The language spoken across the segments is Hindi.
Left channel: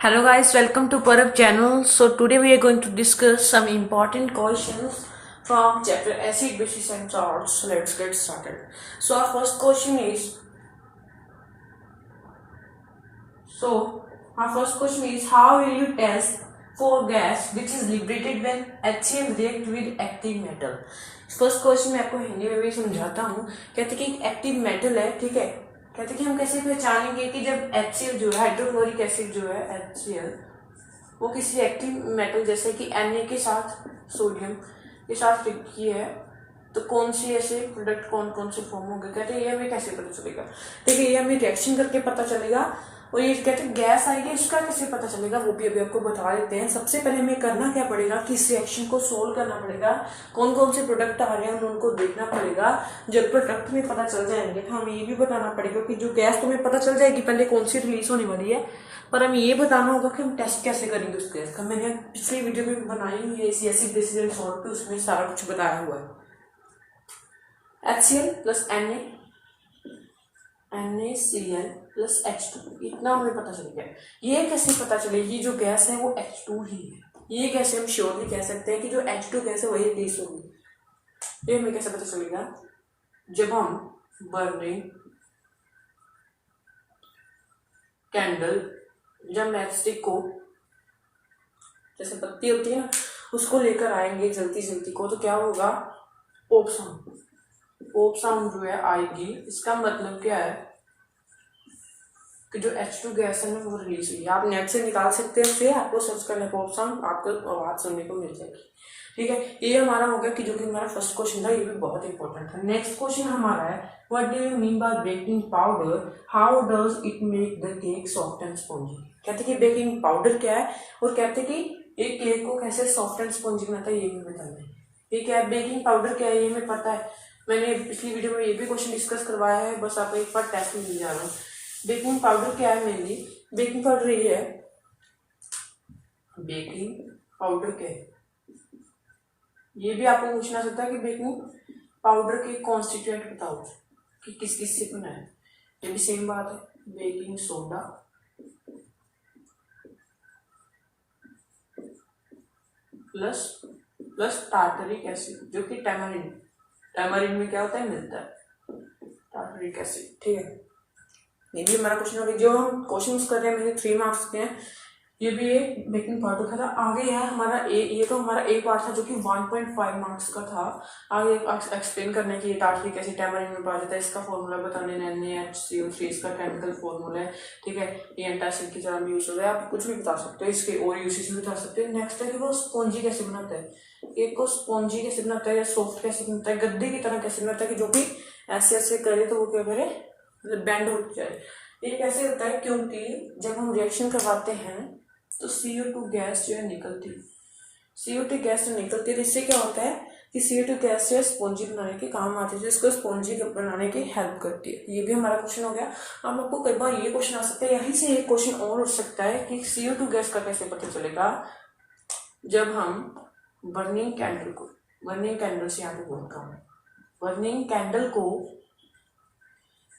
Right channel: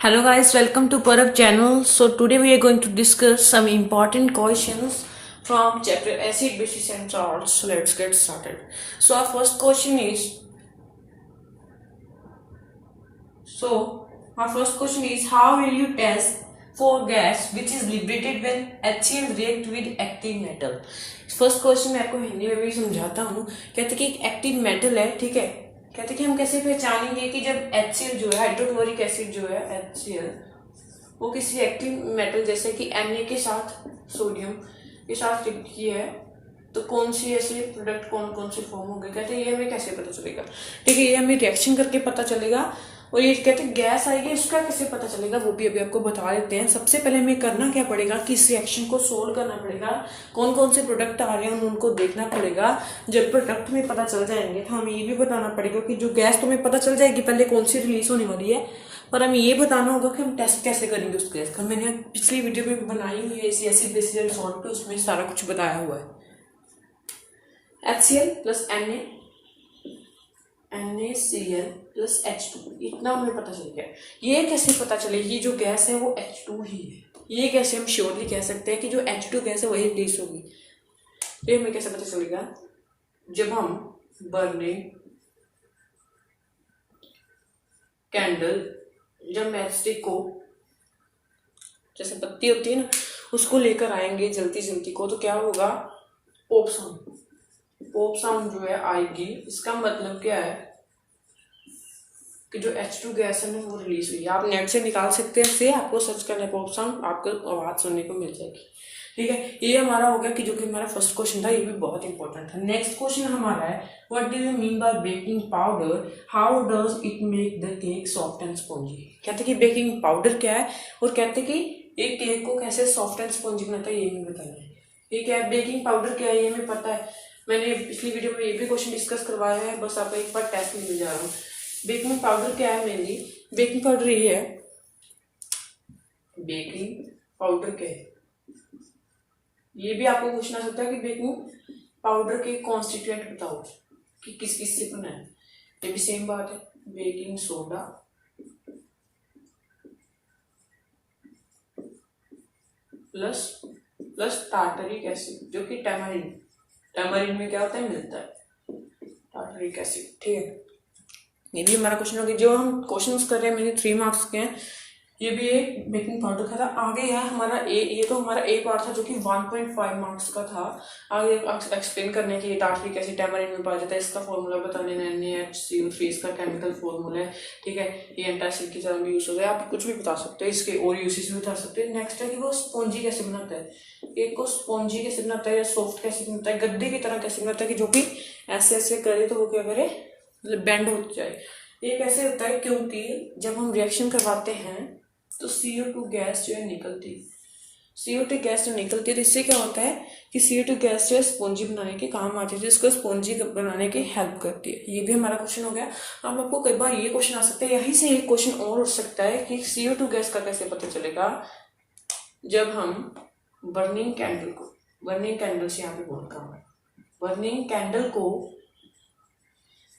Hello guys, welcome to Parag channel. So today we are going to discuss some important questions from chapter acid, bases and salts. So let's get started. So our first question is how will you test for gas which is liberated when HCl react with active metal? First question मैं आपको हिंदी में भी समझाता हूँ। कहते कि एक एक्टिव मेटल है, ठीक है। कहते कि हम कैसे पहचानेंगे कि जब HCl जो है हाइड्रोक्लोरिक एसिड जो है HCl वो किसी एक्टिव मेटल जैसे कि Na के साथ सोडियम के साथ रिएक्ट किया है तो कौन सी ऐसे प्रोडक्ट कौन कौन से फॉर्म होंगे। कहते हैं ये हमें कैसे पता चलेगा, ठीक है। ये हमें रिएक्शन करके पता चलेगा। और ये कहते हैं गैस आएगी उसका कैसे पता चलेगा वो भी अभी आपको बता देते हैं। सबसे पहले हमें करना क्या पड़ेगा कि इस रिएक्शन को सोल्व करना पड़ेगा। कौन कौन से प्रोडक्ट आ रहे हैं उनको देखना पड़ेगा। जब प्रोडक्ट में पता चल जाएंगे तो हमें ये भी बताना पड़ेगा कि जो गैस तो हमें पता चल जाएगी पहले कौन सी रिलीज होने वाली है, पर हमें ये बताना होगा कि हम टेस्ट कैसे करेंगे उस गैस का। मैंने पिछली वीडियो में बनाई हुई है इसी एसिड बेसिस एंड सॉल्ट पे, उसमें सारा कुछ बताया हुआ है। HCl plus NaCl plus H2 इतना हमें पता चल गया। ये कैसे पता चलेगी जो गैस है वो H2 ही है। ये कैसे हम श्योरली कह सकते हैं कि जो H2 गैस है वही रिलीज होगी। ये हमें कैसे पता चलेगा, जब हम बर्निंग कैंडल जब मैचस्टिक को जैसे पत्ती होती है ना उसको लेकर आएंगे जलती जलती को, तो क्या होगा, पोप साउंड जो है आएगी। इसका मतलब क्या है कि जो H2 गैस है ना वो रिलीज हुई है। आप नेट से निकाल सकते हैं, से आपको सर्च करना है पोप साउंड, आपको आवाज सुनने को मिल जाएगी, ठीक है। ये हमारा हो गया कि जो कि हमारा फर्स्ट क्वेश्चन था, ये भी बहुत इंपॉर्टेंट था। नेक्स्ट क्वेश्चन हमारा है what do you mean by baking powder, how does it make the cake soft and spongy. कहते कि बेकिंग पाउडर क्या है और कहते कि एक केक को कैसे सॉफ्ट एंड स्पॉन्जी बनाता है ये हमें बताना है। ये क्या है, बेकिंग पाउडर क्या है ये हमें पता है। मैंने पिछली वीडियो में ये भी क्वेश्चन डिस्कस करवाया है, बस आपको एक बार टेस्ट में ले जा रहा हूँ। बेकिंग पाउडर क्या है, मेनली बेकिंग पाउडर ये है। बेकिंग पाउडर क्या है ये भी आपको पूछना सकता है कि बेकिंग पाउडर के कॉन्स्टिट्यूएंट बताओ कि किस किस से बना है। ये भी सेम बात है, baking soda plus tartaric acid जो कि टैमरिन में क्या होता है, मिलता है टार्टरिक एसिड, ठीक है। ये भी हमारा क्वेश्चन हो गया। जो हम क्वेश्चन कर रहे हैं मैंने 3 मार्क्स के हैं। ये भी एक बेकिंग पाउडर का था। आगे है हमारा ये तो हमारा एक पार्ट था जो कि 1.5 मार्क्स का था। आगे एक्सप्लेन करने के लिए टार्टरिक एसिड टैमरिन में पाया जाता है, इसका फॉर्मूला बताने, NaHCO3 इसका केमिकल फॉर्मूला है, ठीक है। ये एंटासिड की तरह भी यूज होता है, आप कुछ भी बता सकते हैं, इसके और यूसेज भी बता सकते हैं। नेक्स्ट है कि वो स्पॉन्जी कैसे बनाता है, एक को स्पॉन्जी कैसे बनाता है या सॉफ्ट कैसे बनाता है, गद्दे की तरह कैसे बनाता है कि जो भी ऐसे ऐसे करे तो वो क्या करे, मतलब बैंड हो जाए। ये कैसे होता है, क्योंकि जब हम रिएक्शन करवाते हैं तो CO2 गैस जो है निकलती है। CO2 गैस जो निकलती है तो इससे क्या होता है कि CO2 गैस जो है स्पॉन्जी बनाने के काम आती है, जिसको स्पॉन्जी बनाने की हेल्प करती है। ये भी हमारा क्वेश्चन हो गया। अब आपको कई बार ये क्वेश्चन आ सकता है, यहीं से एक क्वेश्चन और उठ सकता है कि CO2 गैस का कैसे पता चलेगा, जब हम बर्निंग कैंडल से यहाँ पे बोलता हूँ, बर्निंग कैंडल को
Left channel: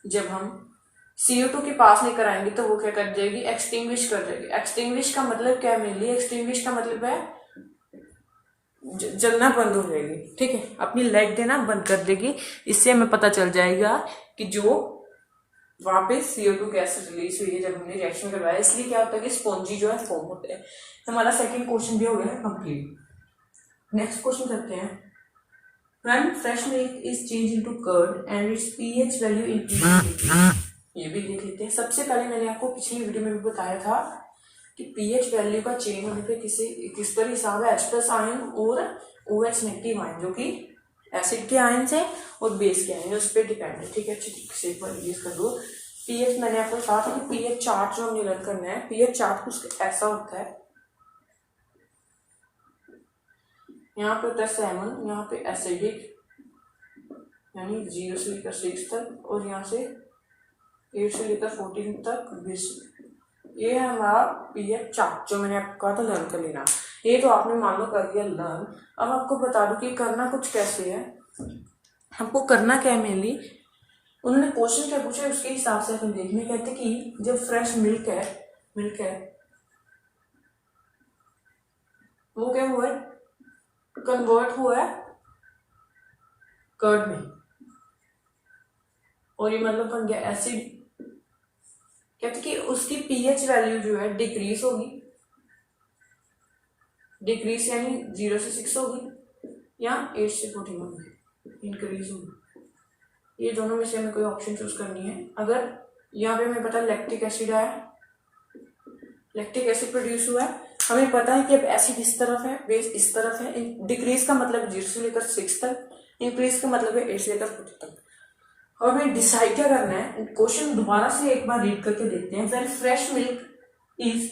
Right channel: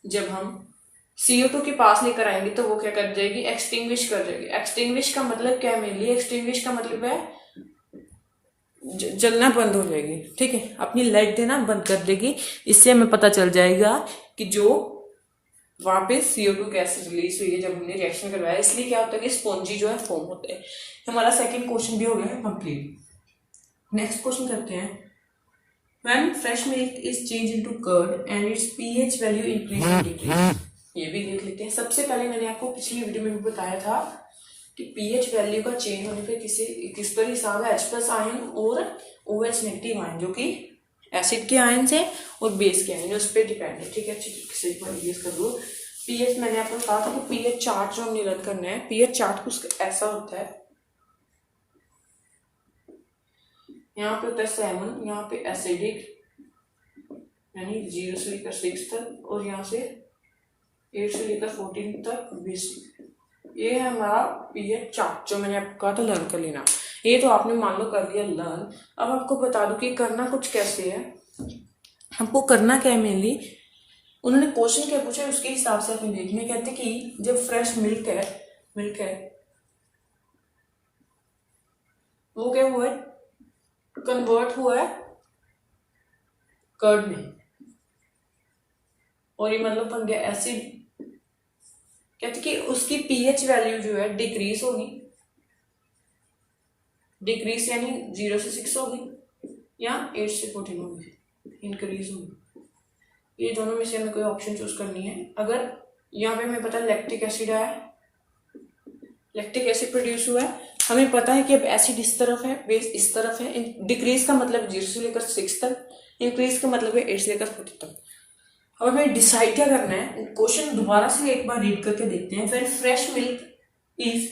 जब हम CO2 के पास लेकर आएंगे तो वो क्या कर जाएगी, एक्सटिंग्विश कर जाएगी। एक्सटिंग्विश का मतलब क्या है, मेनली एक्सटिंग्विश का मतलब है जलना बंद हो जाएगी, ठीक है, अपनी लाइट देना बंद कर देगी। इससे हमें पता चल जाएगा कि जो वहां पे CO2 गैस रिलीज हुई है जब हमने रिएक्शन करवाया, इसलिए क्या होता है कि स्पॉन्जी जो है फॉर्म होते हैं। हमारा सेकंड क्वेश्चन भी हो गया कंप्लीट। नेक्स्ट क्वेश्चन करते हैं when fresh milk is changed into curd and its pH value increases। ये भी देख लेते हैं। सबसे पहले मैंने आपको पिछली वीडियो में भी बताया था कि pH वैल्यू का चेंज होने पे किस पर हिसाब है, H+ आयन और OH नेगेटिव आयन जो कि एसिड के आयन से और बेस के आयन उस पर डिपेंड है, ठीक है। अच्छी तरीके से एक बार यूज कर लो। pH मैंने आपको कहा था कि pH चार्ट जो हमने रद्द करना है, pH चार्ट कुछ ऐसा होता है, यहाँ पे होता है 7, यहाँ पे एसिडिक यानी 0 से लेकर 6 तक और यहाँ से 8 से लेकर 14 तक बेसिक। ये है हमारा पीएच चार्ट जो मैंने आपको कहा था लर्न कर लेना। ये तो आपने मान लो कर दिया लर्न। अब आपको बता दूं कि करना कुछ कैसे है, हमको करना क्या है। मेनली उन्होंने क्वेश्चन क्या पूछा उसके हिसाब से अपन देखने कहते कि जब फ्रेश मिल्क है वो क्या हुआ है, कन्वर्ट हुआ है कर्ड में, और ये मतलब बन गया एसिड। कहते कि उसकी पीएच वैल्यू जो है डिक्रीज होगी, डिक्रीज यानी 0 से 6 होगी या 8 से 14 होगी, इंक्रीज होगी। ये दोनों में से हमें कोई ऑप्शन चूज करनी है। अगर यहाँ पे हमें पता है लैक्टिक एसिड आया, लैक्टिक एसिड प्रोड्यूस हुआ है, हमें पता है कि अब एसिड इस तरफ है, बेस इस तरफ है। डिक्रीज का मतलब 0 से लेकर 6 तक, इंक्रीज का मतलब है 8 से लेकर 14 तक। अब हमें डिसाइड क्या करना है, क्वेश्चन दोबारा से एक बार रीड करके देखते हैं। When fresh milk is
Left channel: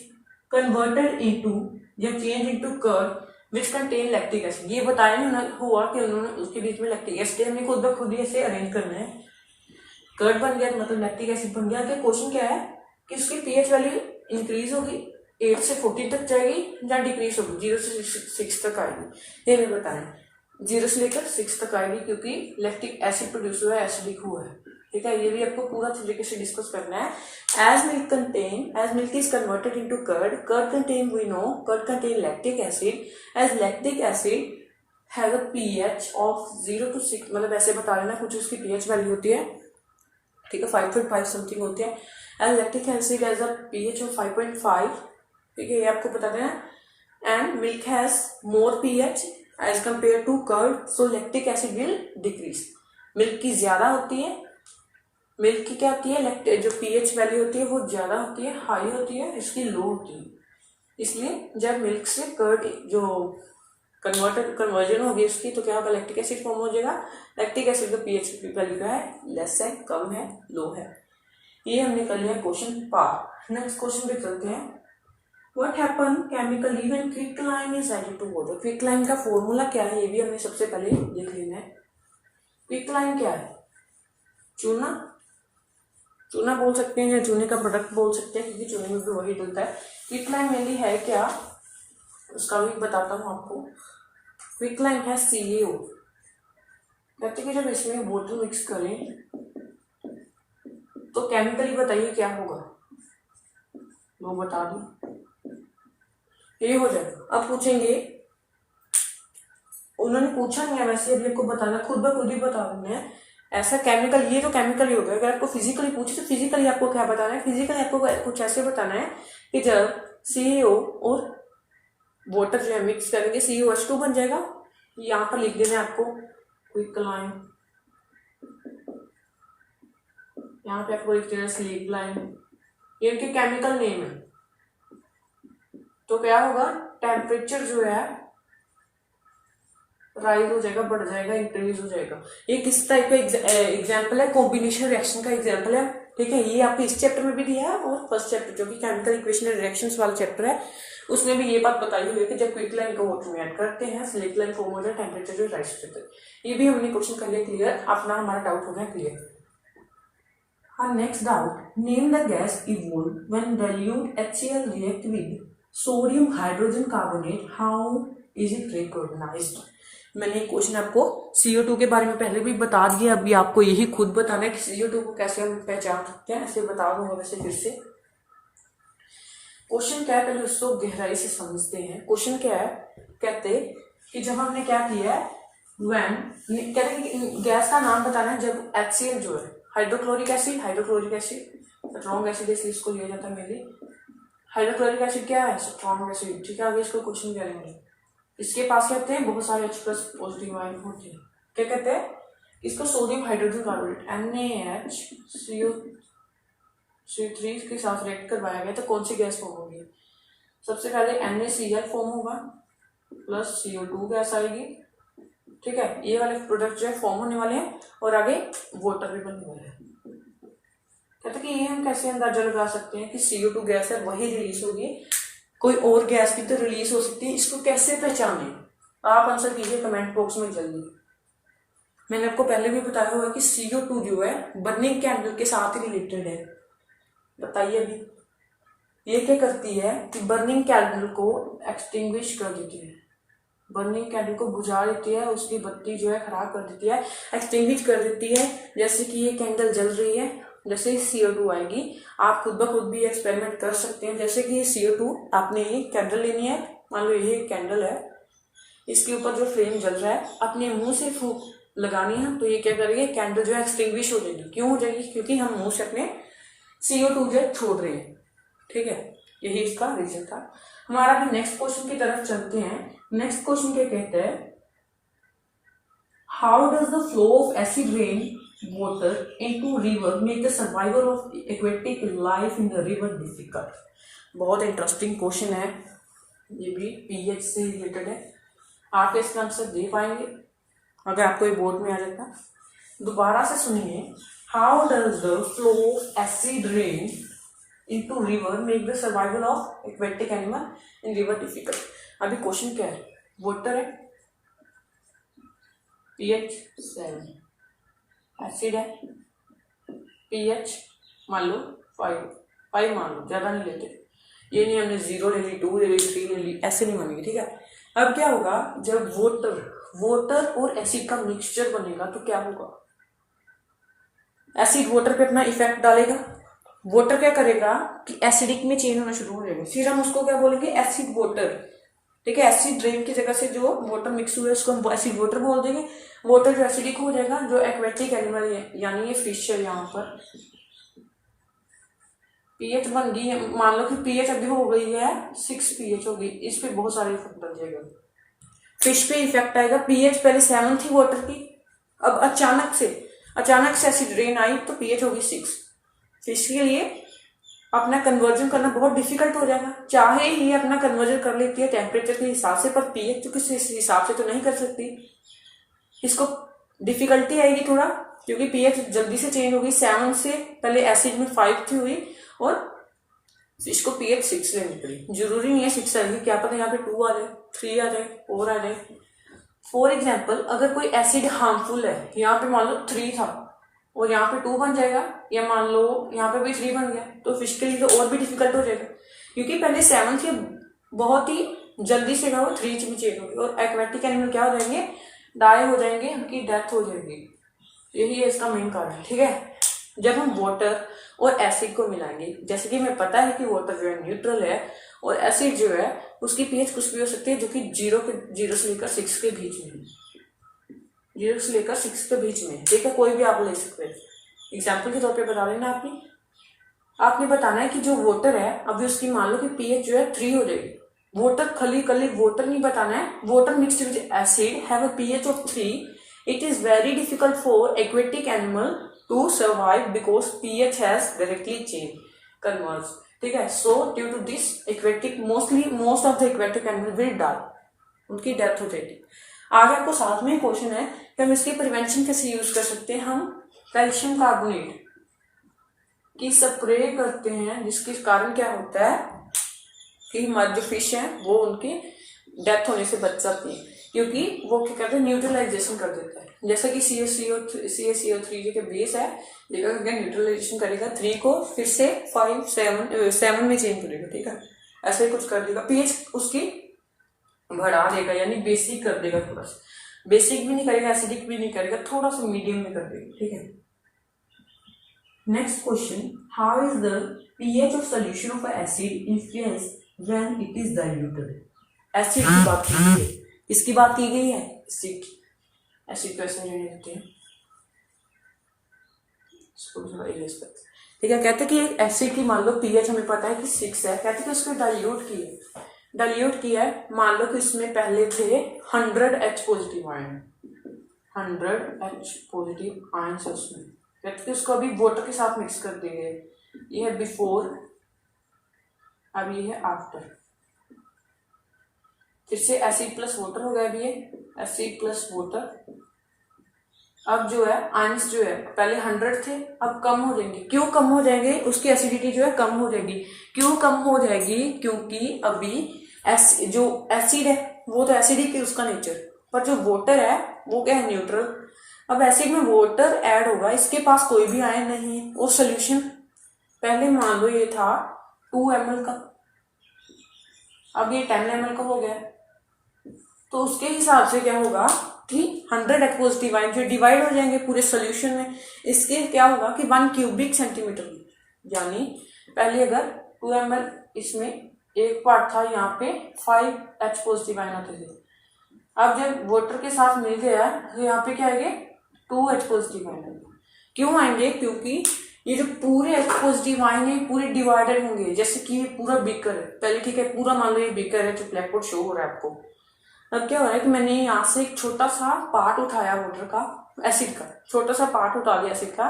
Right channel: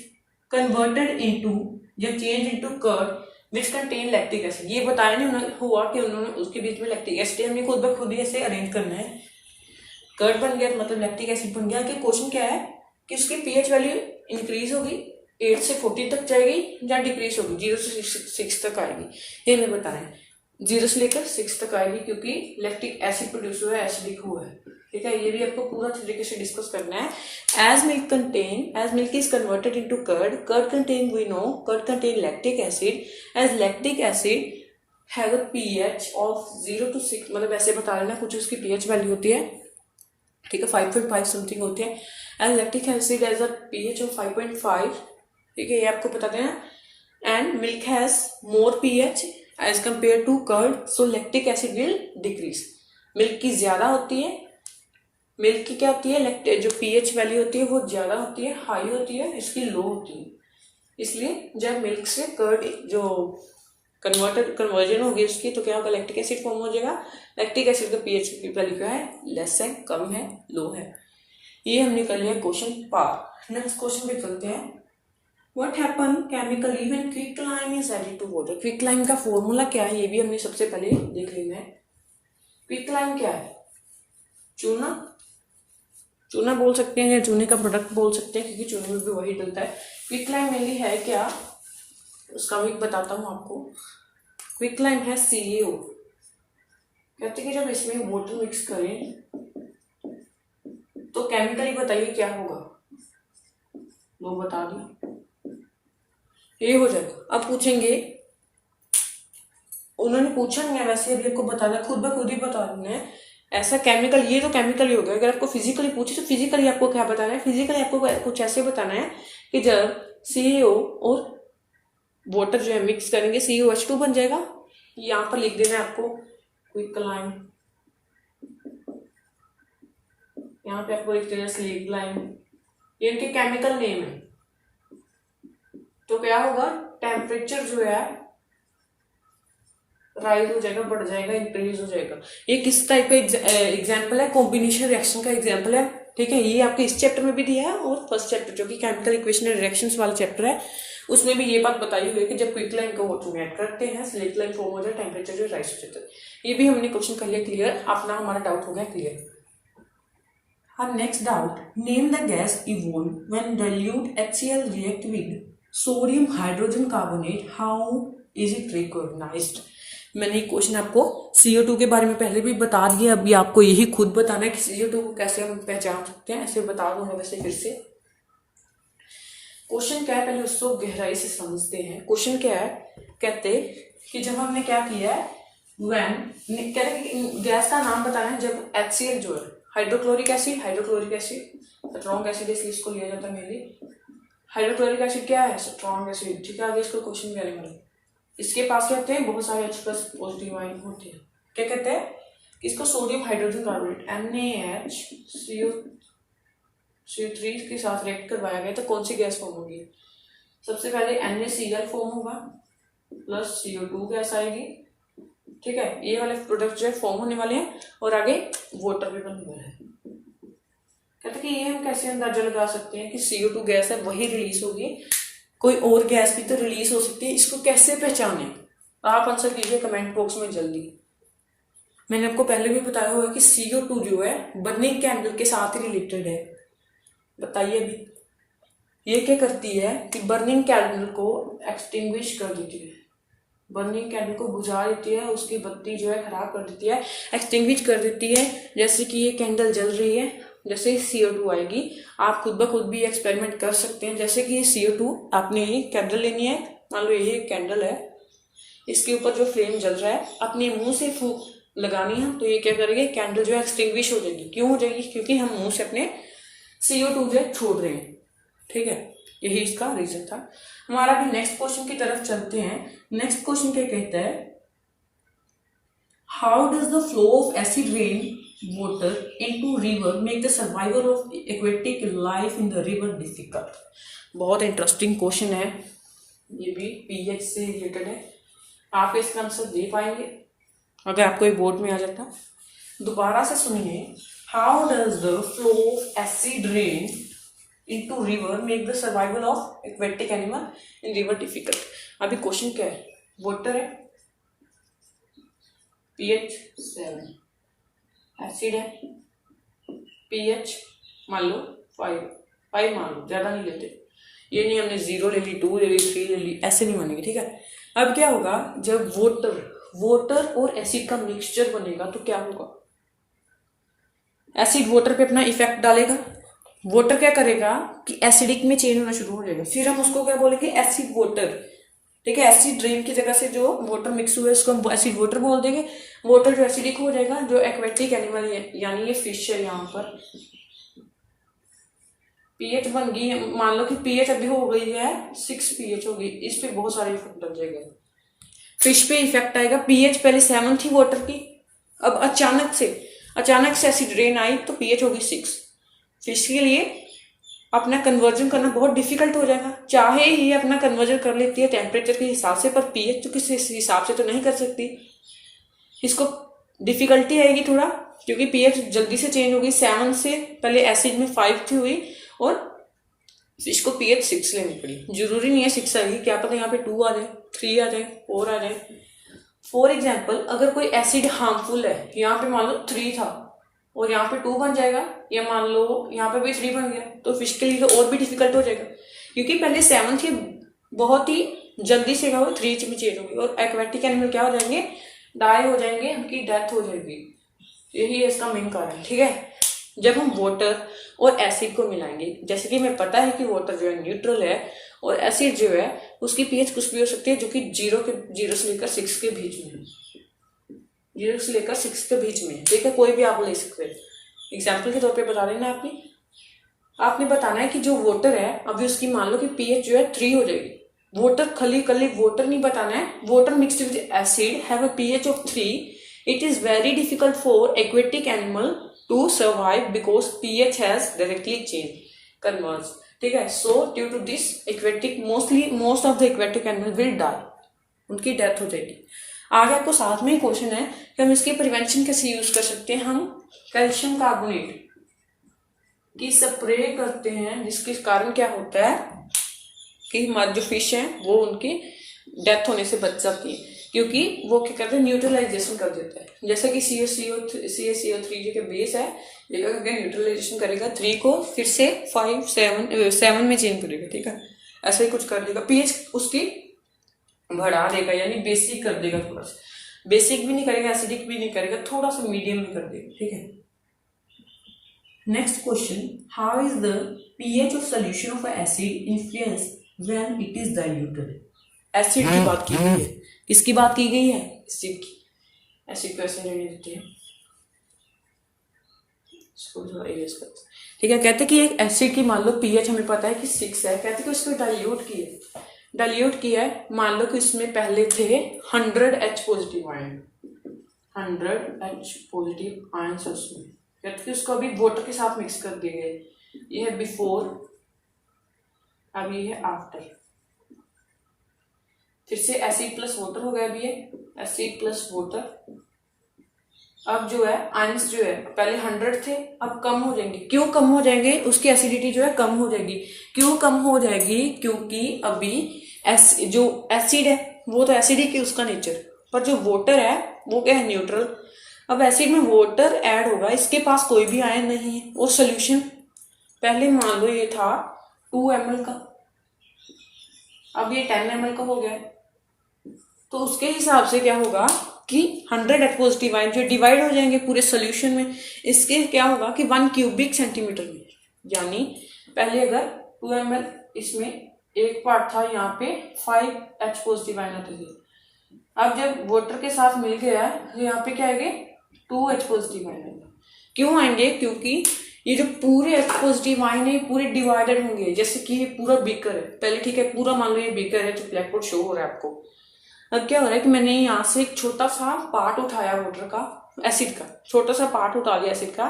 converted into या change into curd which contain lactic acid, ये बताया नहीं हुआ कि उन्होंने उसके बीच में लैक्टिक एसिड, हमें खुद ब खुद ही ऐसे अरेंज करना है। कर्ड बन गया मतलब लैक्टिक एसिड बन गया। कि क्वेश्चन क्या है कि उसकी पीएच वैल्यू इंक्रीज होगी, 8 से 14 तक जाएगी या डिक्रीज होगी, 0 से 6 तक आएगी। ये हमें बताना है, 0 से लेकर 6 तक आएगी क्योंकि लैक्टिक एसिड प्रोड्यूस हुआ है, एसिडिक हुआ है। ठीक है, ये भी आपको पूरा तरीके से डिस्कस करना है। As milk is converted into curd content, we know curd content lactic acid, as lactic acid has a pH of 0 to 6, मतलब ऐसे बता लेना कुछ उसकी पीएच वैल्यू होती है। ठीक है, 5.5 समथिंग होती है। As lactic acid as a pH of 5.5, ठीक है, ये आपको बता देना। And milk has more pH as compare to curd, so lactic acid will decrease. Milk की ज्यादा होती है, मिल्क की क्या होती है, जो पीएच वैल्यू होती है वो ज्यादा होती है, हाई होती है, इसकी लो होती है। इसलिए जब मिल्क से कर्ड जो कन्वर्जन होगी उसकी, तो क्या होगा, लैक्टिक एसिड फॉर्म हो जाएगा। लैक्टिक एसिड का पीएच वैल्यू क्या है, लेस है, कम है, लो है। ये हमने कर लिया क्वेश्चन पार। नेक्स्ट क्वेश्चन पे चलते हैं। What happen chemically when quicklime is added to water? Quicklime का फॉर्मूला क्या है, ये भी हमने सबसे पहले देख लेना है। क्विकलाइम क्या है, चूना, चूना बोल सकते हैं या चूने का प्रोडक्ट बोल सकते हैं क्योंकि चूने में भी वही डलता है। क्विकलाइम मेनली है क्या, उसका भी बताता हूँ आपको। क्विकलाइम है CaO। कहते हैं कि जब इसमें वाटर मिक्स करें तो केमिकली बताइए क्या होगा, लो बता दी, ये हो जाएगा। अब पूछेंगे, उन्होंने पूछा नहीं है वैसे, अभी आपको बताना, खुद ब खुद ही बता देना है। ऐसा केमिकल, ये तो केमिकल ही होगा। अगर आपको फिजिकली पूछे तो फिजिकली आपको क्या बताना है, फिजिकली आपको कुछ ऐसे बताना है कि जब CaO और वाटर जो है मिक्स करेंगे COH2 बन जाएगा। यहाँ पर लिख देना है आपको क्विकलाइम, यहाँ पे आपको लिख देना स्लीगलाइम, ये इनके केमिकल नेम है। तो क्या होगा, टेम्परेचर जो है राइज हो जाएगा, बढ़ जाएगा, इंक्रीज हो जाएगा। ये किस टाइप का एग्जाम्पल है, कॉम्बिनेशन रिएक्शन का एग्जाम्पल है। ठीक है, ये आपके इस चैप्टर में भी दिया है और फर्स्ट चैप्टर जो कि केमिकल इक्वेशन एंड रिएक्शंस वाला चैप्टर है, उसमें भी ये बात बताई हुई है कि जब क्विकलाइम को वाटर में ऐड करते हैं स्लीगलाइम फॉर्म हो जाए, टेम्परेचर जो राइज हो जाता है। ये भी हमने क्वेश्चन कर लिया क्लियर, अपना हमारा डाउट हो गया clear. Our next doubt, name the gas evolved when dilute HCl react with sodium hydrogen carbonate, how is it recognized? मैंने क्वेश्चन आपको CO2 के बारे में पहले भी बता दिया, अभी आपको यही खुद बताना है कि CO2 को कैसे हम पहचान सकते हैं, ऐसे बता दूंगा वैसे फिर से। क्वेश्चन क्या है पहले उसको गहराई से समझते हैं। क्वेश्चन क्या है, कहते कि जब हमने क्या किया है, कहते हैं गैस का नाम बताना है जब HCl जो है हाइड्रोक्लोरिक एसिड स्ट्रॉन्ग एसिड, इसलिए इसको लिया जाता है मेनली। हाइड्रोक्लोरिक एसिड क्या है, स्ट्रॉन्ग एसिड। ठीक है, आगे इसको क्वेश्चन क्या लेंगे, इसके पास क्या होते हैं, बहुत सारे H+ पॉजिटिव आयन होते हैं। क्या कहते हैं, इसको सोडियम हाइड्रोजन कार्बोनेट NaHCO3 के साथ रिएक्ट करवाया गया तो कौन सी गैस फॉर्म होगी, सबसे पहले NaCl फॉर्म होगा प्लस CO2 गैस आएगी। ठीक है, ये वाले प्रोडक्ट जो है फॉर्म होने वाले हैं और आगे वाटर भी बनने वाला है। कहते हैं कि ये हम कैसे अंदाजा लगा सकते हैं कि CO2 गैस है वही रिलीज होगी, कोई और गैस भी तो रिलीज हो सकती है, इसको कैसे पहचाने, आप आंसर कीजिए कमेंट बॉक्स में जल्दी। मैंने आपको पहले भी बताया हुआ कि CO2 जो है बर्निंग कैंडल के साथ ही रिलेटेड है। बताइए अभी ये क्या करती है कि बर्निंग कैंडल को एक्सटिंग्विश कर देती है, बर्निंग कैंडल को बुझा देती है, उसकी बत्ती जो है खराब कर देती है, एक्सटिंग्विश कर देती है। जैसे कि ये कैंडल जल रही है, जैसे CO2 आएगी, आप खुद ब खुद भी एक्सपेरिमेंट कर सकते हैं। जैसे कि ये CO2, आपने ये कैंडल लेनी है, मान लो ये कैंडल है, इसके ऊपर जो फ्लेम जल रहा है, अपने मुंह से फूंक लगानी है तो ये क्या करेगी, कैंडल जो है एक्सटिंग्विश हो जाएगी। क्यों हो जाएगी? क्योंकि हम मुंह से अपने CO2 जो है छोड़ रहे हैं। ठीक है, यही इसका रीजन था। हमारा अभी नेक्स्ट क्वेश्चन की तरफ चलते हैं। नेक्स्ट क्वेश्चन क्या कहता है, how does the flow of acid rain water into river make the survival of aquatic life in the river difficult। बहुत इंटरेस्टिंग क्वेश्चन है, ये भी पीएच से रिलेटेड है। आप इसका आंसर दे पाएंगे अगर आपको ये बोर्ड में आ जाता। दोबारा से सुनिए, how does the flow of acid rain into river make the survival of aquatic animal in river difficult. अभी क्वेश्चन क्या है, वाटर है, pH 7, एसिड है, pH मान लो 5 मान लो, ज्यादा नहीं लेते। ये नहीं हमने 0 ले ली, 2 ले ली, 3 ले ली, ऐसे नहीं मानेंगे। ठीक है, अब क्या होगा, जब वाटर और एसिड का मिक्सचर बनेगा तो क्या होगा, एसिड वाटर पे अपना इफेक्ट डालेगा। वाटर क्या करेगा कि एसिडिक में चेंज होना शुरू हो जाएगा, फिर हम उसको क्या बोलेंगे, एसिड वाटर। ठीक है, एसिड रेन की जगह से जो वाटर मिक्स हुआ है उसको हम एसिड वाटर बोल देंगे। वाटर जो एसिडिक हो जाएगा, जो एक्वेटिक एनिमल है यानी ये फिश है, यहाँ पर पीएच बन गई है, मान लो कि पीएच अभी हो गई है 6 pH हो गई, इस पे बहुत सारा इफेक्ट लग जाएगा। फिश पे इफेक्ट आएगा, पीएच पहले 7 थी वाटर की, अब अचानक से एसिड रेन आई तो पीएच होगी 6। फिश के लिए अपना कन्वर्जन करना बहुत डिफिकल्ट हो जाएगा। चाहे ये अपना कन्वर्जन कर लेती है टेम्परेचर के हिसाब से, पर पीएच तो किसी हिसाब से तो नहीं कर सकती, इसको डिफिकल्टी आएगी थोड़ा, क्योंकि पीएच जल्दी से चेंज होगी। 7 से पहले एसिड में 5 थी हुई और फिश को pH 6 लेनी पड़ी। जरूरी नहीं है 6 आएगी, क्या पता यहाँ पे 2 आ जाए, 3 आ जाए, 4 आ जाए। फॉर एग्जाम्पल, अगर कोई एसिड हार्मफुल है, यहाँ पे मान लो 3 था और यहाँ पे 2 बन जाएगा, या मान लो यहाँ पे भी 3 बन गया, तो फिश के लिए तो और भी डिफिकल्ट हो जाएगा, क्योंकि पहले 7 थी, बहुत ही जल्दी से वो 3 में चेंज होगी और एक्वेटिक एनिमल क्या हो जाएंगे, डाई हो जाएंगे, उनकी डेथ हो जाएगी। यही है इसका मेन कारण। ठीक है, जब हम वाटर और एसिड को मिलाएंगे, जैसे कि हमें पता है कि वाटर जो है न्यूट्रल है और एसिड जो है उसकी पीएच कुछ भी हो सकती है, जो कि 0 से लेकर 6 के बीच में है, 0 से लेकर 6 के बीच में। ठीक है, कोई भी आप ले सकते हैं। एग्जाम्पल के तौर पे बता देना, आपने बताना है कि जो वाटर है अभी उसकी मान लो कि पीएच जो है 3 हो जाएगी। वाटर खाली वाटर नहीं बताना है, water mixed with acid have a pH of 3, it is very difficult for aquatic animal to survive because pH has directly changed, converged। ठीक है, so due to this most of the aquatic animal will die, उनकी डेथ हो जाएगी। आगे आपको साथ में ही क्वेश्चन है कि हम इसकी प्रिवेंशन कैसे यूज कर सकते हैं। हम कैल्शियम कार्बोनेट की स्प्रे करते हैं, जिसके कारण क्या होता है कि हमारी जो फिश है वो उनकी डेथ होने से बच जाती है, क्योंकि वो क्या करते हैं, न्यूट्रलाइजेशन कर देता है। जैसे कि CaCO3 के बेस है, ये न्यूट्रलाइजेशन करेगा 3 को, फिर से 5 7 में चेंज करेगा। ठीक है, ऐसा ही कुछ कर देगा, पीएच उसकी बढ़ा देगा, यानी बेसिक कर देगा। थोड़ा सा बेसिक भी नहीं करेगा, एसिडिक भी नहीं करेगा, थोड़ा सा मीडियम में कर देगा। ठीक है, next question, how is the pH of solution of acid influence when it is diluted. Acid की बात की गई है, किसकी बात की गई है, एसिड की। एसिड को ऐसे लेने देते हैं, ठीक है। कहते हैं कि एक एसिड की मान लो pH हमें पता है कि 6 है, कहते हैं कि उसको डाइल्यूट किया है। मान लो कि इसमें पहले थे 100 H positive ion, 100 H positive ion से उसमें, कहते हैं कि उसको अभी वाटर के साथ मिक्स कर दिए गए। ये है बिफोर, अब ये है आफ्टर, फिर से एसिड प्लस वाटर हो गया। अभी ये एसिड प्लस वाटर, अब जो है आयंस जो है पहले 100 थे, अब कम हो जाएंगे। क्यों कम हो जाएंगे, उसकी एसिडिटी जो है कम हो जाएगी। क्यों कम हो जाएगी, क्योंकि अभी जो एसिड है वो तो एसिडिक है उसका नेचर, पर जो वाटर है वो क्या है, न्यूट्रल। अब एसिड में वाटर ऐड होगा, इसके पास कोई भी आयन नहीं है, और सोल्यूशन पहले मान लो ये था 2 ml का, अब ये 10 ml का हो गया, तो उसके हिसाब से क्या होगा कि 100 H पॉजिटिव आयन जो डिवाइड हो जाएंगे पूरे सोल्यूशन में। इसके क्या होगा कि 1 क्यूबिक सेंटीमीटर में, यानी पहले अगर 2 ml इसमें एक पार्ट था यहाँ पे 5H पॉजिटिव आयन आते थे। अब जब वाटर के साथ मिल गया तो यहाँ पे क्या आएंगे 2H पॉजिटिव आयन आएंगे। क्यों आएंगे? क्योंकि ये जो पूरे H पॉजिटिव आयन है पूरे डिवाइडेड होंगे। जैसे कि ये पूरा बीकर है, पहले ठीक है पूरा मान लो ये बीकर है जो ब्लैक बोर्ड शो हो रहा है आपको। अब क्या हो रहा है कि मैंने यहाँ से एक छोटा सा पार्ट उठाया वाटर का, एसिड का छोटा सा पार्ट उठा लिया एसिड का।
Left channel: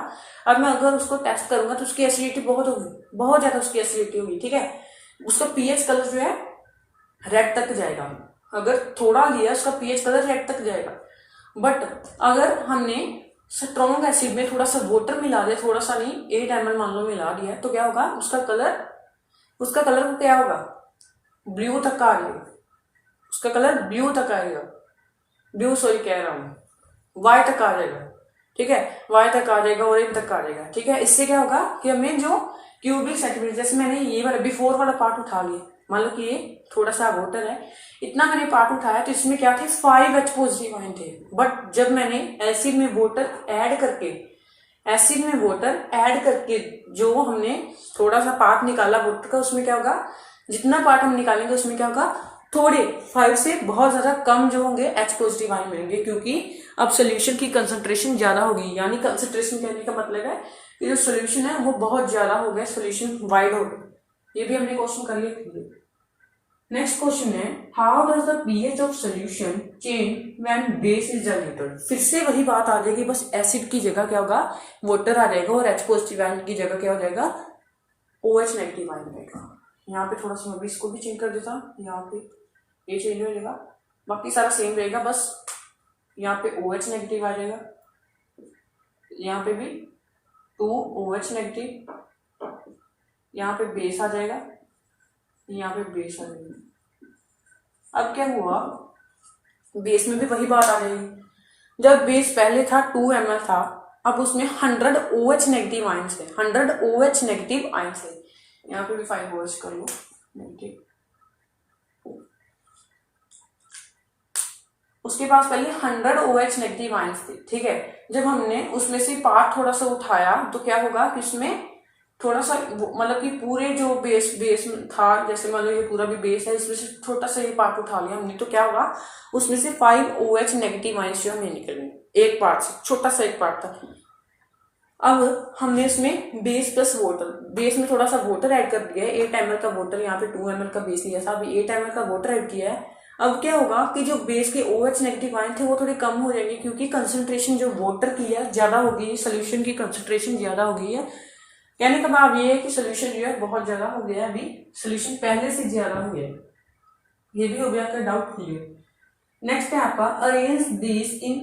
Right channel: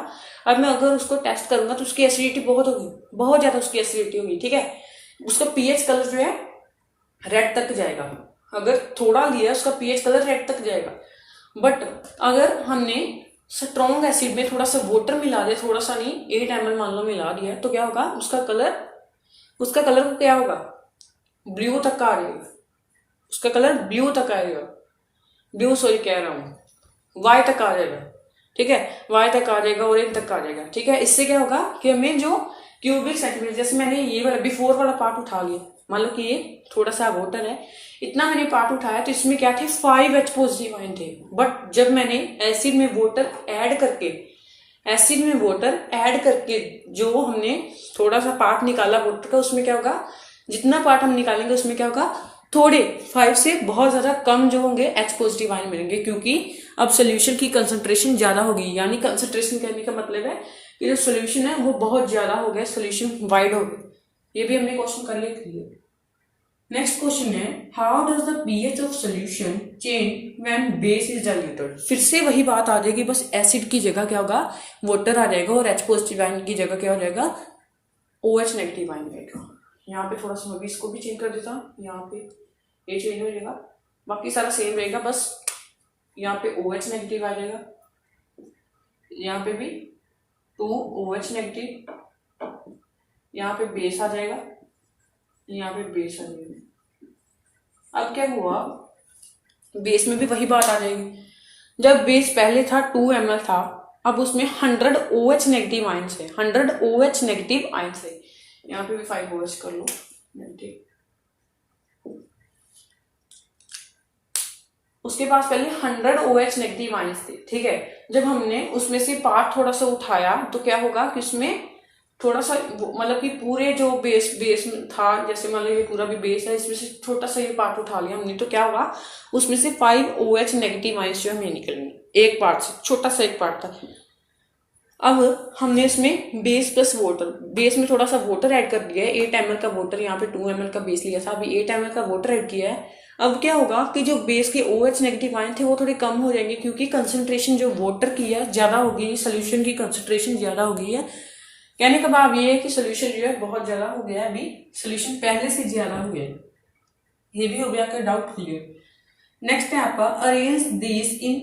अब मैं अगर उसको टेस्ट करूंगा तो उसकी एसिडिटी बहुत होगी, बहुत ज्यादा उसकी एसिडिटी होगी, ठीक है। उसका पीएच कलर जो है रेड तक जाएगा। अगर थोड़ा लिया उसका पीएच कलर रेड तक जाएगा। बट अगर हमने स्ट्रॉन्ग एसिड में थोड़ा सा वाटर मिला दिया, थोड़ा सा नहीं 8 ml मान लो मिला दिया, तो क्या होगा उसका कलर क्या होगा ब्लू तक का आ जाएगा। उसका कलर ब्लू तक आएगा, ब्लू सॉरी कह रहा हूँ वाई तक आ जाएगा, ठीक है वाई तक आ जाएगा, ऑरेंज तक आ जाएगा, ठीक है। इससे क्या होगा कि हमें जो क्यूबिक सेंटीमीटर, जैसे मैंने ये वाला बिफोर वाला पार्ट उठा लिया, मान लो कि ये थोड़ा सा वाटर है, इतना मैंने पार्ट उठाया तो इसमें क्या थे 5H पॉजिटिव आयन थे। बट जब मैंने एसिड में वाटर ऐड करके जो हमने थोड़ा सा पार्ट निकाला वाटर का, उसमें क्या होगा जितना पार्ट हम निकालेंगे उसमें क्या होगा थोड़े 5 से बहुत ज्यादा कम जो होंगे H पॉजिटिव आयन मिलेंगे, क्योंकि अब सोल्यूशन की कंसंट्रेशन ज्यादा होगी। यानी कंसंट्रेशन कहने का मतलब है कि जो सोल्यूशन है वो बहुत ज्यादा हो गया, सोल्यूशन वाइड हो गया। ये भी हमने क्वेश्चन कर लिया। नेक्स्ट क्वेश्चन है how does the pH of solution change when base is diluted. फिर से वही बात आ जाएगी, बस एसिड की जगह क्या होगा वाटर आ जाएगा और H पॉजिटिव आयन की जगह क्या हो जाएगा OH नेगेटिव आयन आएगा। यहाँ पे थोड़ा सा मैं भी इसको भी चेंज कर देता हूँ, यहाँ पे ये चेंज हो जाएगा, बाकी सारा सेम रहेगा, बस यहाँ पे OH नेगेटिव आ जाएगा, यहाँ पे भी 2OH नेगेटिव, यहाँ पे बेस आ जाएगा, यहाँ पे बेस आ जाएगा। अब क्या हुआ बेस में भी वही बात आ जाएगी। जब बेस पहले था 2 ml था, अब उसमें 100 OH नेगेटिव आयंस है, 100 OH नेगेटिव आयंस है। यहाँ पे भी 5 OH कर लो नेगेटिव। उसके पास पहले 100 OH नेगेटिव आयंस थे, ठीक है। जब हमने उसमें से पार्ट थोड़ा सा उठाया तो क्या होगा कि उसमें थोड़ा सा मतलब कि पूरे जो बेस था, जैसे मान लो ये पूरा भी बेस है, इसमें से छोटा सा ये पार्ट उठा लिया हमने, तो क्या होगा उसमें से 5 OH नेगेटिव आयंस जो हमें निकलेंगे एक पार्ट से, छोटा सा एक पार्ट था। अब हमने इसमें बेस प्लस वाटर, बेस में थोड़ा सा वाटर ऐड कर दिया है, 8 ml का वाटर, यहाँ पे 2 ml का बेस लिया था, अभी 8 ml का वाटर ऐड किया है। अब क्या होगा कि जो बेस के OH नेगेटिव आयन थे वो थोड़े कम हो जाएंगे, क्योंकि कंसंट्रेशन जो वाटर की है ज्यादा होगी, सोल्यूशन की कंसंट्रेशन ज्यादा हो गई है। कहने का भाव ये है कि सोल्यूशन जो है बहुत ज्यादा हो गया है, अभी सोल्यूशन पहले से ज्यादा हो गया है। ये भी हो गया आपका डाउट क्लियर। नेक्स्ट है आपका arrange this in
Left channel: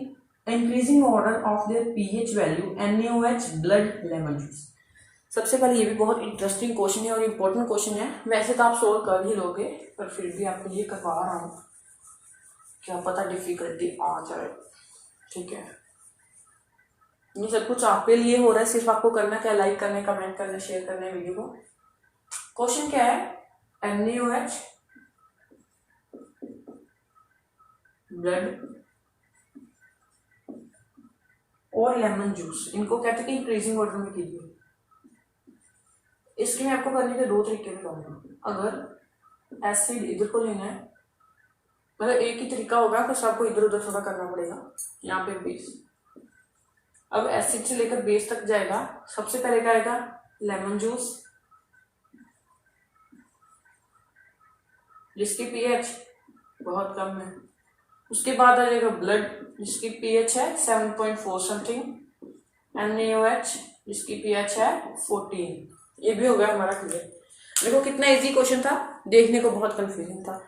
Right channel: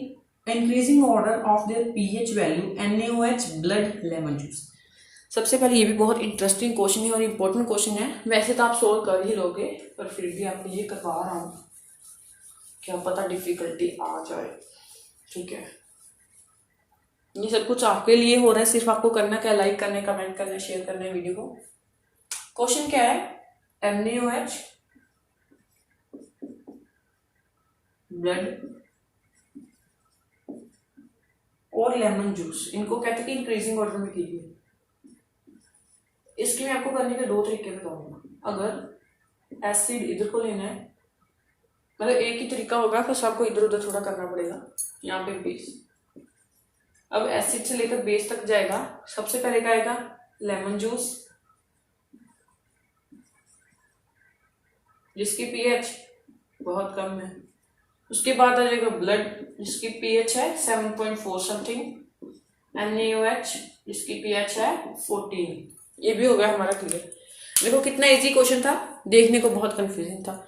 increasing order of their pH value NaOH blood lemon juice. सबसे पहले ये भी बहुत इंटरेस्टिंग क्वेश्चन है और इम्पोर्टेंट क्वेश्चन है, वैसे तो आप सोल्व कर ही लोगे, पर फिर भी आपके लिए करवा रहा हूँ, क्या पता डिफिकल्टी आ जाए, ठीक है। ये सब कुछ आपके लिए हो रहा है, सिर्फ आपको करना क्या लाइक करना है, कमेंट करना है, शेयर करना है वीडियो को। क्वेश्चन क्या है NaOH ब्लड और लेमन जूस, इनको कहते हैं कि इंक्रीजिंग ऑर्डर में कीजिए। इसके लिए आपको करने के 2 तरीके बताऊंगा। अगर एसिड इधर को लेना है, मतलब एक ही तरीका होगा, फिर सबको इधर उधर थोड़ा करना पड़ेगा। यहाँ पे बेस, अब एसिड से लेकर बेस तक जाएगा, सबसे पहले क्या आएगा लेमन जूस जिसकी पीएच बहुत कम है। उसके बाद आ जाएगा ब्लड जिसकी पीएच है 7.4 समथिंग, NaOH जिसकी पीएच है 14। ये भी हो गया हमारा क्लियर। देखो कितना इजी क्वेश्चन था, देखने को बहुत कंफ्यूजिंग था।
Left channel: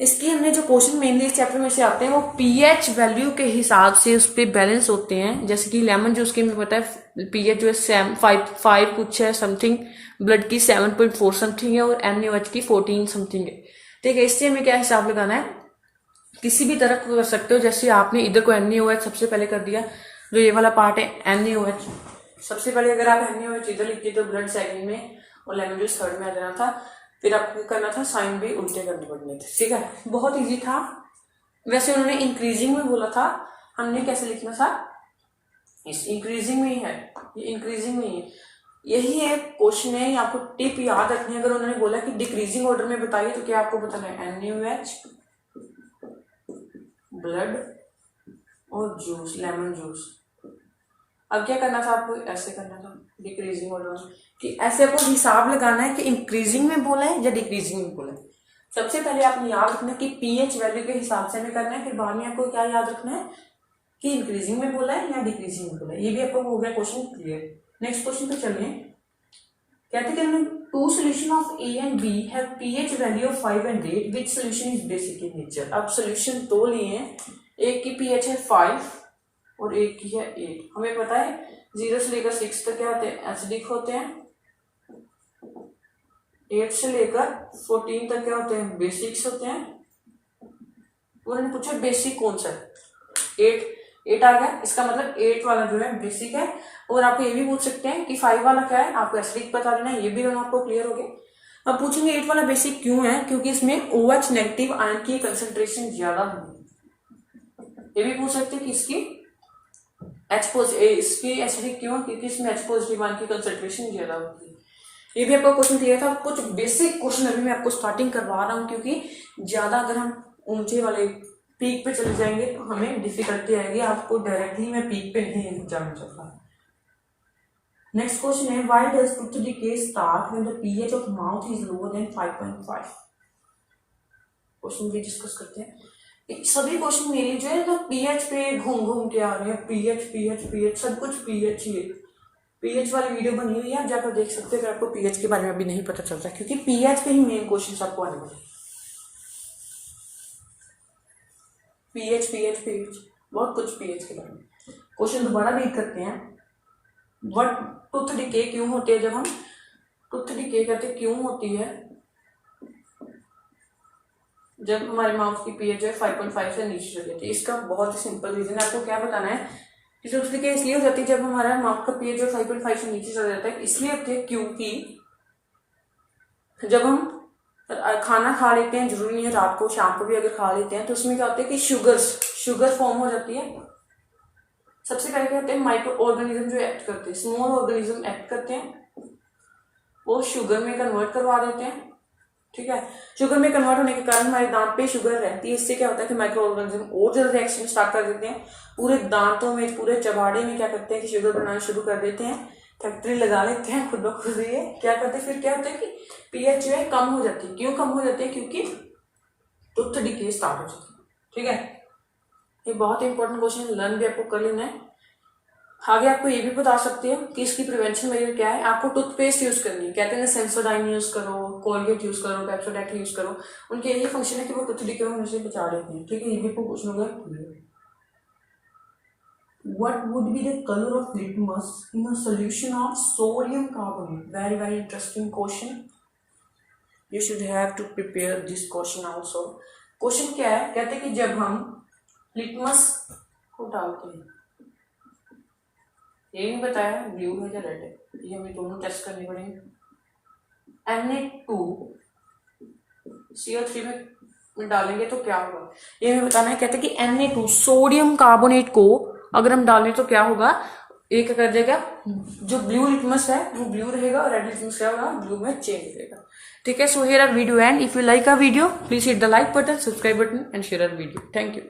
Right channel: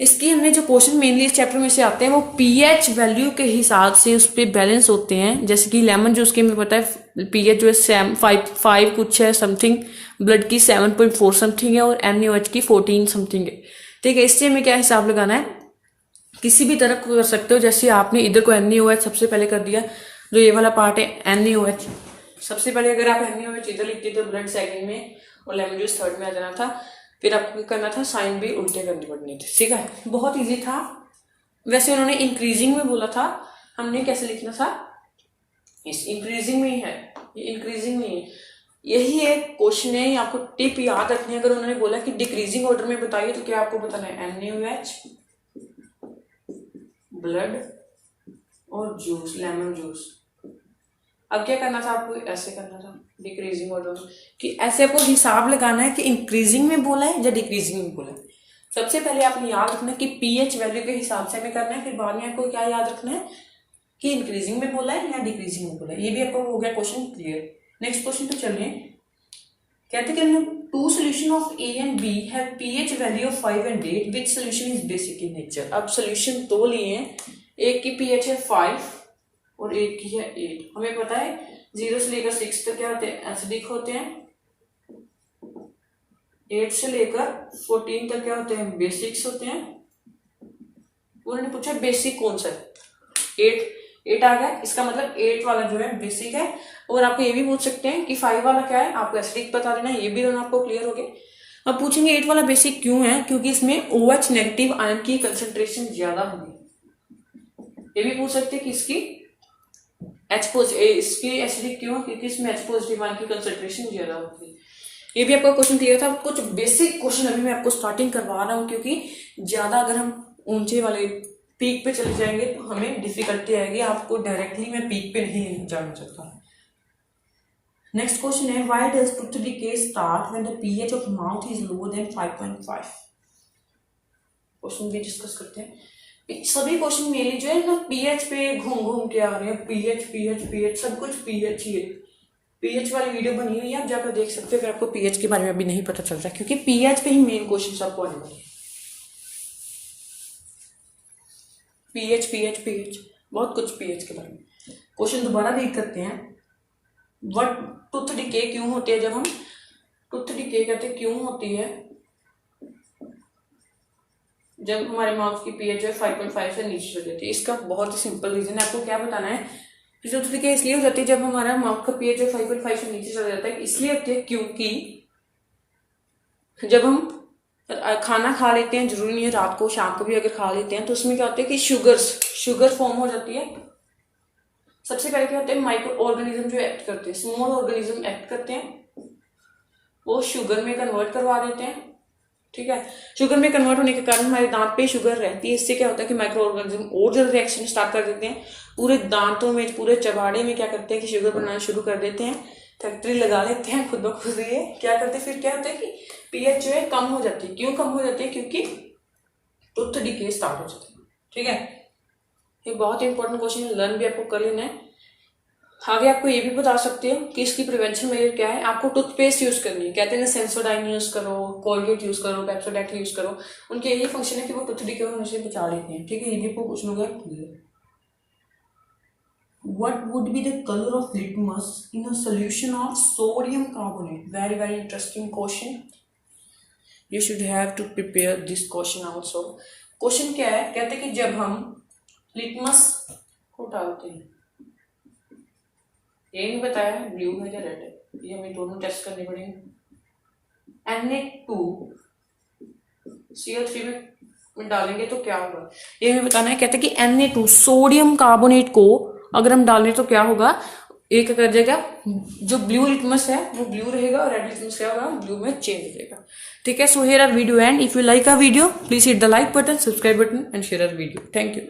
इसकी हमने जो क्वेश्चन मेनली इस चैप्टर में से आते हैं वो पीएच वैल्यू के हिसाब से उस पर बैलेंस होते हैं। जैसे कि लेमन जूस की हमें पता है पीएच जो है 5 कुछ है समथिंग, ब्लड की 7.4 समथिंग है और NaOH की 14 समथिंग है, ठीक है। इससे हमें क्या हिसाब लगाना है, किसी भी तरह को कर सकते हो। जैसे आपने इधर को NaOH सबसे पहले कर दिया, जो ये वाला पार्ट है NaOH सबसे पहले, अगर आप NaOH इधर लिखते तो ब्लड सेकंड में और लेमन जूस थर्ड में आ जाना था, फिर आपको करना था साइन भी उल्टे करने पड़ने थे, ठीक है। बहुत इजी था। वैसे उन्होंने इंक्रीजिंग में बोला था, हमने कैसे लिखना था, इस इंक्रीजिंग में ही है, ये इंक्रीजिंग में ही है। यही एक क्वेश्चन है, आपको टिप याद रखनी है। अगर उन्होंने बोला कि डिक्रीजिंग ऑर्डर में बताइए तो क्या आपको बताना है, NaOH, ब्लड और जूस, लेमन जूस। अब क्या करना था आपको, ऐसे करना था डिक्रीजिंग ऑर्डर में, कि ऐसे आपको हिसाब लगाना है कि इंक्रीजिंग में बोला है या डिक्रीजिंग में बोला है। सबसे पहले आपने याद रखना है कि पीएच वैल्यू के हिसाब से हमें करना है, फिर बाद में आपको क्या याद रखना है कि इंक्रीजिंग में बोला है या डिक्रीजिंग में बोला है। ये भी आपको हो गया क्वेश्चन क्लियर। नेक्स्ट क्वेश्चन पे चलिए। कहते हैं two solution of A and B have pH value of 5 and 8, which solution is basic in nature. अब सोल्यूशन दो लिए हैं, एक की पीएच है 5 और एक की है 8। हमें पता है 0 से लेकर 6 तक क्या होते हैं, एसिडिक होते हैं। 8 से लेकर 14 तक क्या होते हैं, बेसिक्स होते हैं। उन्होंने पूछा बेसिक कौन सा है, 8 आ गया, इसका मतलब 8 वाला जो है बेसिक है। और आपको ये भी पूछ सकते हैं कि 5 वाला क्या है, आपको एसिडिक बता देना है, ये भी आपको क्लियर हो गया। अब पूछेंगे 8 वाला बेसिक क्यों है, क्योंकि इसमें OH नेगेटिव आयन की कंसंट्रेशन ज्यादा होगी। ये भी पूछ सकते हैं कि इसकी इसकी एसिडिक क्यों, क्योंकि इसमें H पॉजिटिव आयन की कंसंट्रेशन ज्यादा होती है। ये भी आपका क्वेश्चन क्लियर था। कुछ बेसिक क्वेश्चन अभी मैं आपको स्टार्टिंग करवा रहा हूँ, क्योंकि ज्यादा अगर हम ऊंचे वाले पीक पे चले जाएंगे तो हमें डिफिकल्टी आएगी, आपको डायरेक्टली मैं पीक पे नहीं जाना चाहता। नेक्स्ट क्वेश्चन है, why does tooth decay start when the pH of mouth is lower than 5.5। Question भी डिस्कस करते हैं। सभी क्वेश्चन मेरे जो है ना पीएच पे घूम के आ रहे हैं, पीएच सब कुछ पीएच ही है। पीएच वाली वीडियो बनी हुई है, आप जाकर देख सकते हो अगर आपको पीएच के बारे में अभी नहीं पता चलता, क्योंकि पीएच पे ही मेन क्वेश्चन आपको आने वाले हैं। पीएच बहुत कुछ पीएच के बारे में। क्वेश्चन दोबारा रीड करते हैं। व्हाट टूथ डिके क्यों होती है, जब हम टूथ डिके करते क्यों होती है, जब हमारे माउथ की पीएच जो है 5.5 से नीचे चली जाती है। इसका बहुत ही सिंपल रीजन है, आपको क्या बताना है कि टूथ डिके इसलिए हो जाती है जब हमारा माउथ का पीएच जो 5.5 से नीचे चला जाता है। इसलिए होती है क्योंकि जब हम खाना खा लेते हैं, जरूरी नहीं है रात को, शाम को भी अगर खा लेते हैं, तो उसमें क्या होता है कि शुगर फॉर्म हो जाती है। सबसे पहले क्या होते हैं, माइक्रो ऑर्गेनिज्म जो एक्ट करते हैं, स्मॉल ऑर्गेनिज्म एक्ट करते हैं, वो शुगर में कन्वर्ट करवा देते हैं। ठीक है, शुगर में कन्वर्ट होने के कारण हमारे दांत पे शुगर रहती है। इससे क्या होता है कि माइक्रो ऑर्गेनिज्म और ज्यादा रिएक्शन स्टार्ट कर देते हैं, पूरे दांतों में, पूरे चबाड़े में क्या करते हैं कि शुगर बनाना शुरू कर देते हैं, फैक्ट्री लगा लेते हैं खुद ब खुद। ये क्या करते हैं, फिर क्या होता है कि पीएच जो है कम हो जाती है। क्यों कम हो जाती है, क्योंकि टूथ डिके स्टार्ट हो जाती है। ठीक है, ये बहुत इंपॉर्टेंट क्वेश्चन है, लर्न भी आपको कर लेना है। आगे आपको ये भी बता सकते हो कि इसकी प्रिवेंशन मेजर क्या है। आपको टूथपेस्ट यूज करनी है, कहते हैं सेंसोडाइन यूज करो, कोलगेट यूज करो, पेप्सोडेंट यूज करो। उनके यही फंक्शन है कि वो टूथ डिके होने से बचा लेते हैं। ठीक है, ये भी आपको क्वेश्चन होगा clear. What would be the color of litmus in a solution of sodium carbonate? Very interesting question. You should have to prepare this question also. Question क्या है, कहते हैं कि जब हम लिटमस को डालते हैं, ये नहीं बताया ब्लू है या रेड है, ये हमें दोनों टेस्ट करने पड़ेंगे। Na2Cl3 में डालेंगे तो क्या होगा, ये हमें बताना है। कहते हैं कि Na2 सोडियम कार्बोनेट को अगर हम डालें तो क्या होगा, एक कर देगा, जो ब्लू लिटमस है वो ब्लू रहेगा और रेड लिटमस क्या होगा, ब्लू में चेंज हो जाएगा। ठीक है, so here are video and if you like our video please hit the like button, subscribe button and share our video. Thank you.